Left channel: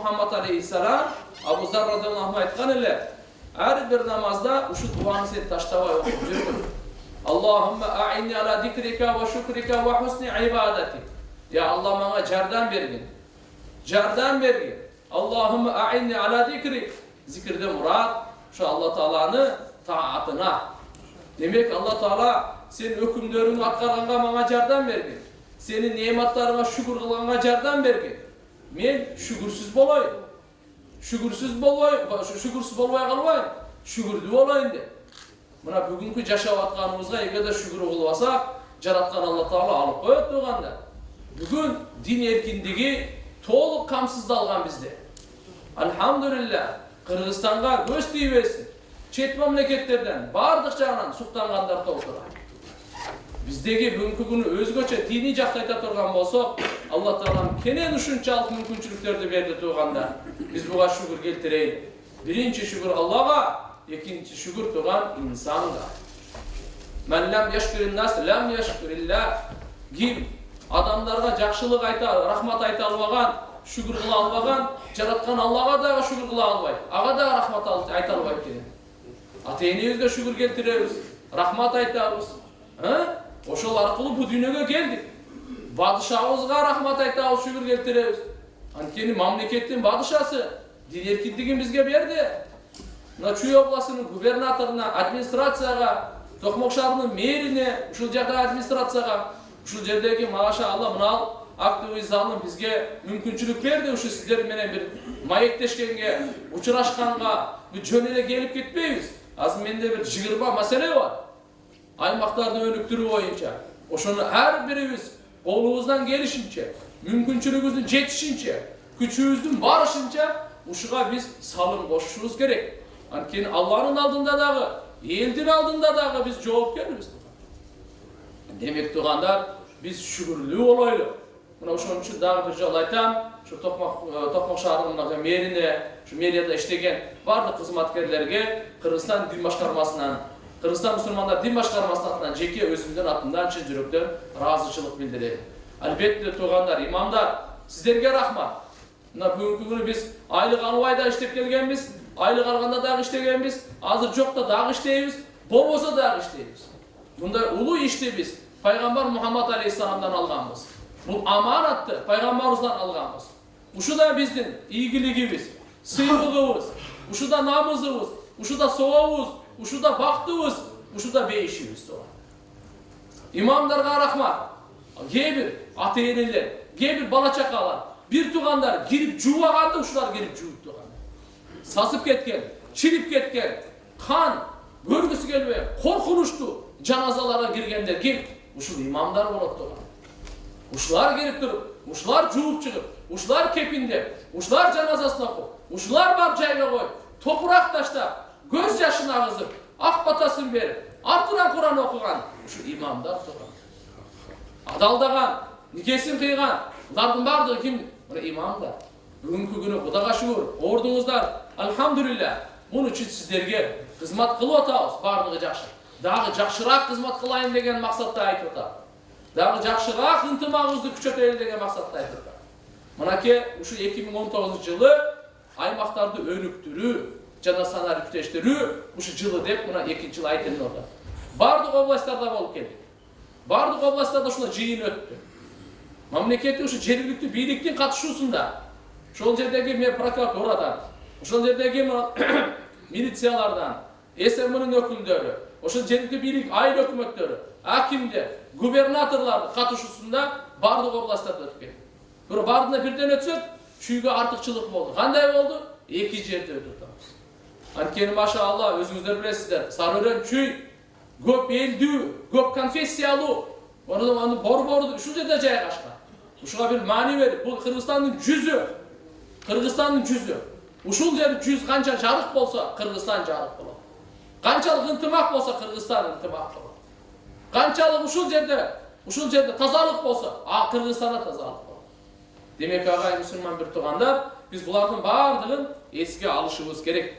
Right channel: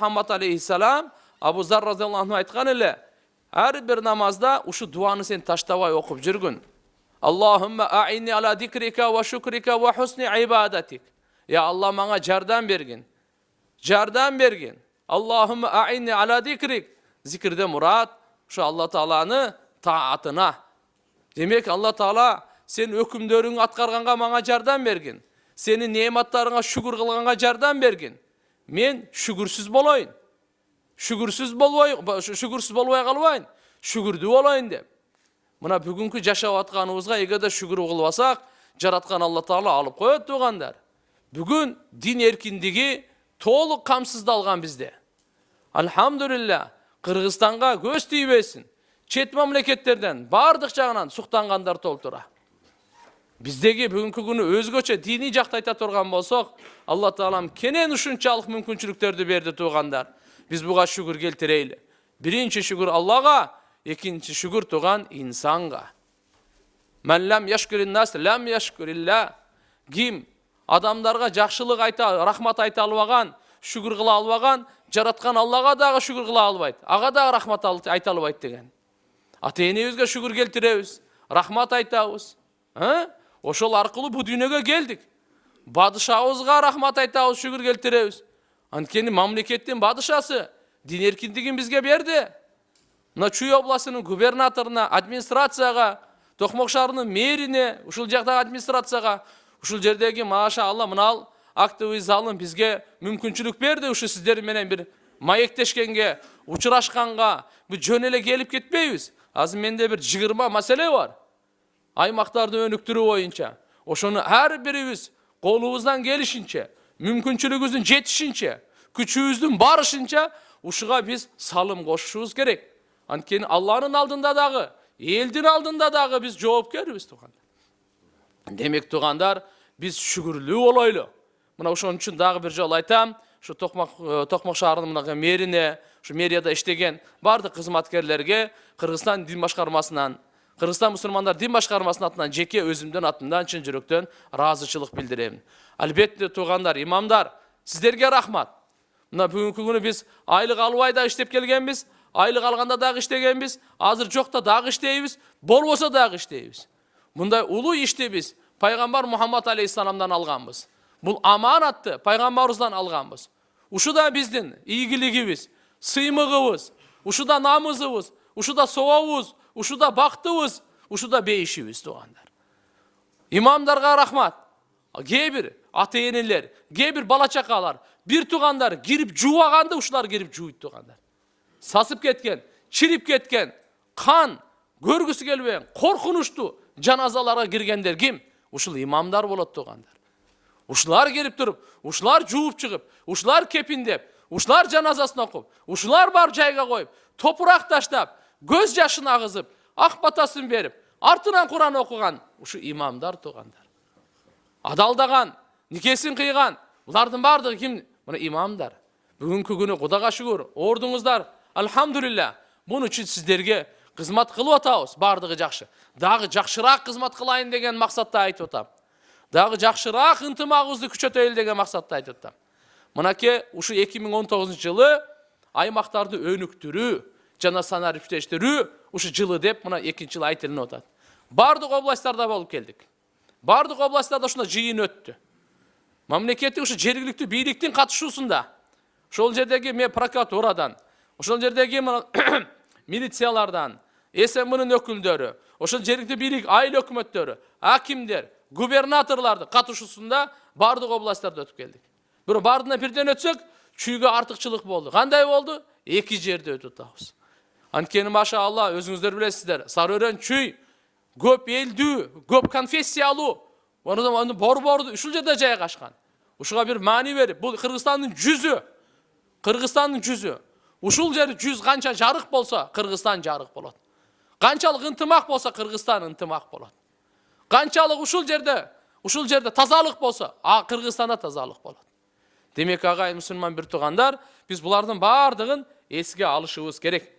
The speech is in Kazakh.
Muhammed aleyhisselam Abu Zar radıyallahu anh aytkan ele, her bir namazda uşu duanı sen taştabay okup жүргөн. Allahümme a'inni ala dikrika ve şükrika ve husni ibadetik. Ya Allah bana jardan bergin. Jardan bergin. Allahümme a'inni ala dikrik. Zikirde murat şu Allah Taala'nı taatına. Demek Allah Taala sen hükümlerini atkarganга bana jardan bergin. Senin nimetlerine şükür kılganга jardan bergin. Men şükürsüz bolayın. Şükürsüz bolbay kalbayın. Şükürdü olayın de. Mına bugünkü жашап atkanımızga egerde şükür kılbasak, jaratkan Allah Taala alıp koyot tuğanda. Bugün din erkindigi толық камсыздалған bizde. Alhamdulillah, Kırgızstan'a göz tiybesin. Çet memleketlerden, bardıq жағынан suqtanğanдар толтыра. Bizdegi bugünkü günü özgöçe dini жактайта турган болсок, Allah Taalam kenen uşunçalık mümkünçülüklerdi berdi tuğanlar. Biz buğa şükür keltireyli. Birinci şükür Allah'a, ikinci şükür tuğan insanға. Men lam yashkurin nas lam yashkurillah. Kim adamlarga жақшылық айта, рахмат айта албаган, шүкүр кыла албаган, жараткан Аллага дагы шүкүр кыла албайт. Ага дагы рахмат айта албайт деген. Ата-энебизге шүкүр келтиребиз, рахмат айтабыз. Ошол аркылуу бу дүйнөгө келдик. Падышабызга рахмат айтабыз, шүкүр келтиребиз. Анткени мамлекеттин падышасы дин эркиндигин бизге берди. Мына Чүй областынын губернаторуна, администрацияга, Токмок шаарынын мэрине, ушул жактагы администрацияга, ушул жердеги маша Алла мынал активный залын бизге мүмкүнчүлүк берди. Ушу сиздер менен бир маектешкенге, учурашканга, бир жөн эле келип кетпейбиз. Азыр менде бир 20 маселе бар. Аймактарды өнүктүрүү боюнча. Ошону ар бирибиз колубуздан келишинче, мүмкүнчүлүгүбүздүн жетишинче, күчүбүздүн барышынча ушуга биз салым кошушубуз керек. Анткени Алланын алдында дагы, элдин алдында дагы биз жоопкербиз. Demek tuğanlar biz şükürlü olaylı. Buna ошон үчүн дагы бир жолу айтам, şu Tokmak шаарынын мэрine, şu мэрияда иштеген бардык кызматкерлерге Кыргызстан дин башкармасынан, Кыргызстан мусулмандар дин башкармасынын атынан жеке өзүмдүн атымдан чын жүрөктөн ыраазычылык билдирем. Албетте туğanlar, имамдар, сиздерге рахмат. Мына бүгүнкү күнү биз айлык албай да иштеп келгенбиз, айлык алганда дагы иштегенбиз, азыр жокта дагы иштейбиз, болбосо дагы иштейбиз. Bunday ulu işti biz Peygamber Muhammed Aleyhisselam'dan alganbız. Bu amanattı Peygamberimizden alganbız. Uşu da bizdin iyigiligimiz, sıymığımız, uşu da namızımız, uşu da sovabız, uşu da baktığımız, uşu da beyişimiz doğanlar. İmamlarga rahmat. Gebir ata-eneler, gebir bala-çakalar, bir tuğanlar girip juvaganda uşular girip juyup tuğanlar. Sasıp ketken, çilip ketken, kan, görgüsü gelmeye, korkunuştu. Janazalara girgenler kim? Uşul imamlar bolot tuğanlar. Uşular gelip durup, uşular juup çıkıp, uşular kepindep, uşular janazasını okup, uşular barıp jayga koyup, topurak taştap, göz yaşını ağızıp, ak batasını berip, артынан Kur'an okugan, şu imamlar tuğanlar. Adaldagan, nikesin kıygan, bulardın bardığı kim? Bunu imamlar. Bugünkü günü Kudaga şükür, ordunuzdan, alhamdülillah, bunun için sizlerge kızmat kılıp atağız, bardığı jakşı. Dagı jakşıraak kızmat kılayın degen maksatта айтып атам. Dagı jakşıraak ынтымагыбызды күчөтөйлү деген maksatта айтып атам. Мынакей ушу 2019-жылы аймактарды өнүктүрүү жана санариптештирүү ушу жылы деп мына 2 жыл айтылып атат. Бардык областтарда болуп келдик. Бардык областтарда ушундай жыйын өттү. Мамлекеттик ушу жергиликтүү бийликтин катышуусунда, ошол жердеги прокуратурадан, ошол жердеги милициялардан, СМнын өкүлдөрү, ошол жергиликтүү бийлик айыл өкмөттөрү, акимдер, губернаторлардын катышуусунда бардык областтарда өтүп кетти. Бирок бардыгына бирден өтсөк, чүйгө артыкчылык болду. Кандай болду? 2 жерде өтүп атабыз. Анткени машалла, өзүңүздөр билесиздер, Сары-Өрөн чүй көп элдүү, көп конфессиялуу, аны борборду ушул жерде жайгашкан. Ушуга бир маани берип, бул Кыргызстандын жүзү. Кыргызстандын жүзү. Ушул жери жүз канча жарык болсо, Кыргызстан жарык болот. Канчалык ынтымак болсо, Кыргызстан ынтымак болот. Канчалык ушул жерде тазалык болсо, Кыргызстанда тазалык болот. Демек агай мусулман бир туугандар, биз булардын бардыгын эске алышыбыз керек.